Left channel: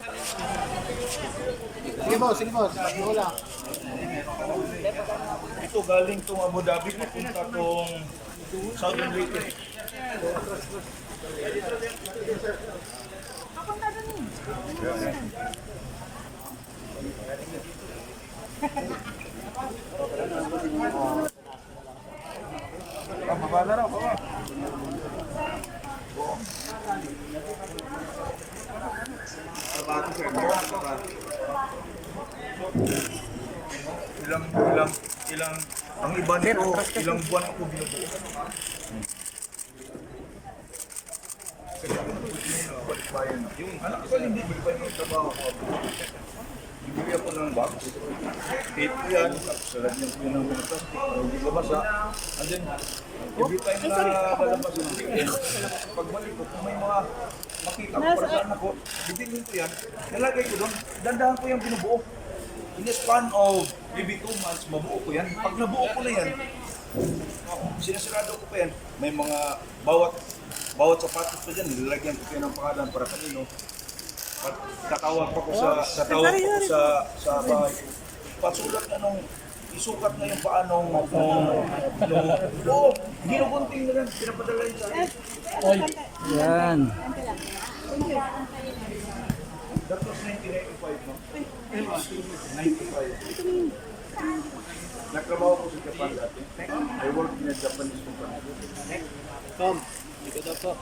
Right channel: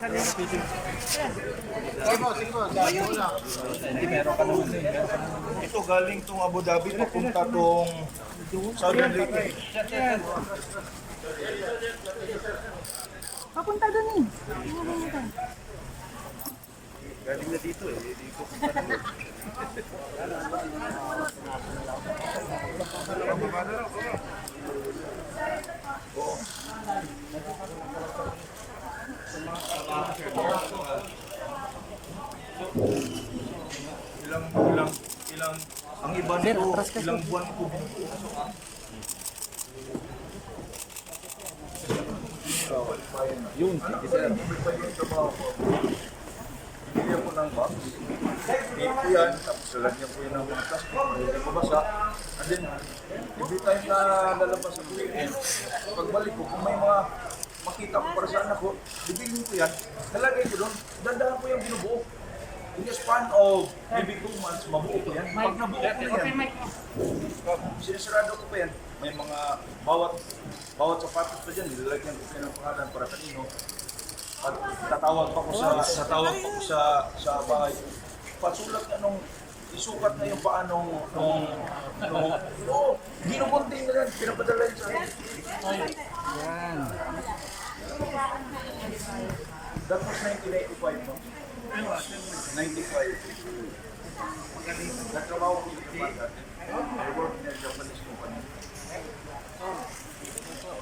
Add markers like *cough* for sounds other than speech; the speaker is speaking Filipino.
Sige mo, sige mo. Sabi mo lang. Ito galing tong Abu Dhabi papunta tong Southern Leyte. Papunta doon eh. *laughs* Ilang ilang ilang ang iba nito ilang buwan ako binubuo. Yun. Anak ko hindi ba yung trabaho ko? Bibigyan ko ng box. Tape ko yan, tapos lalagyan ko yun ng mga plastic. Hindi ko basa. And then, every time na lalabas yung video, pagbalik ko, kung may mga makita ko para sa anak ko, bibigyan ko yan, nalagay ko doon, dandahan ko yung binubuo. In the span of maybe two months, mabuo ko yan. Pag nabuo ko na yan, sinasarado ko pa yan, may mga bawat bawat sapatos pa dyan, nilalagyan ko pa yan ng pangalan para kanino. Pag tatawag pa ko sa, tatawag pa ko sa, sa bahay, pasulat na nung isukat na yung paa nung, nung, nung, oh, ginubunting na yan, pinapadala yun sa akin. Yan. That was 1985, no? 95. Nagtrabaho ko sa Japan dati. I worked in a Japanese company. Tom, dito daw po.